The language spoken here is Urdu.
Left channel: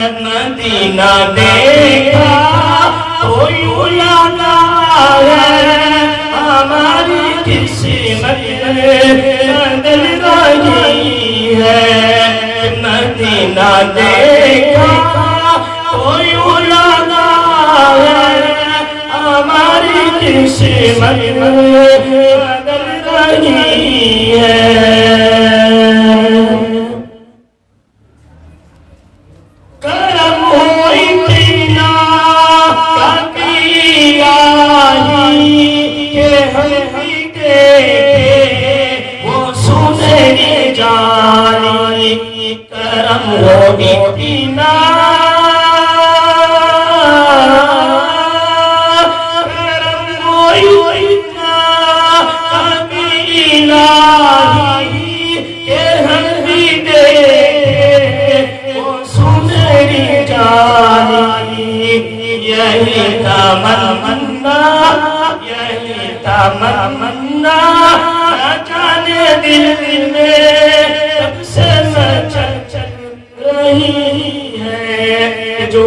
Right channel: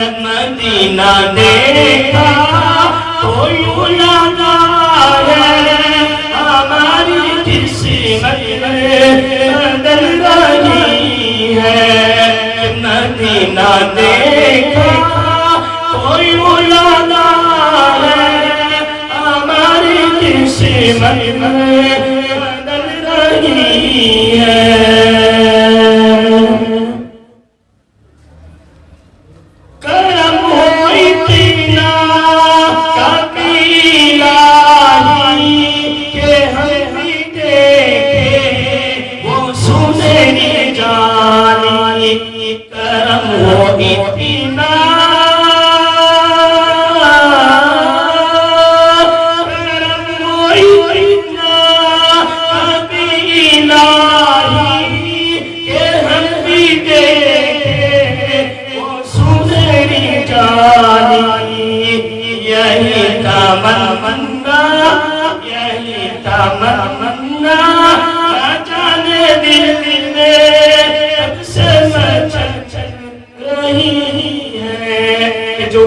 مدینہ دیکھا تو یوں لگا ہے ہماری قسمت بدل رہی ہے. مدینہ دیکھا تو یوں لگا ہے ہماری قسمت بدل رہی ہے. جو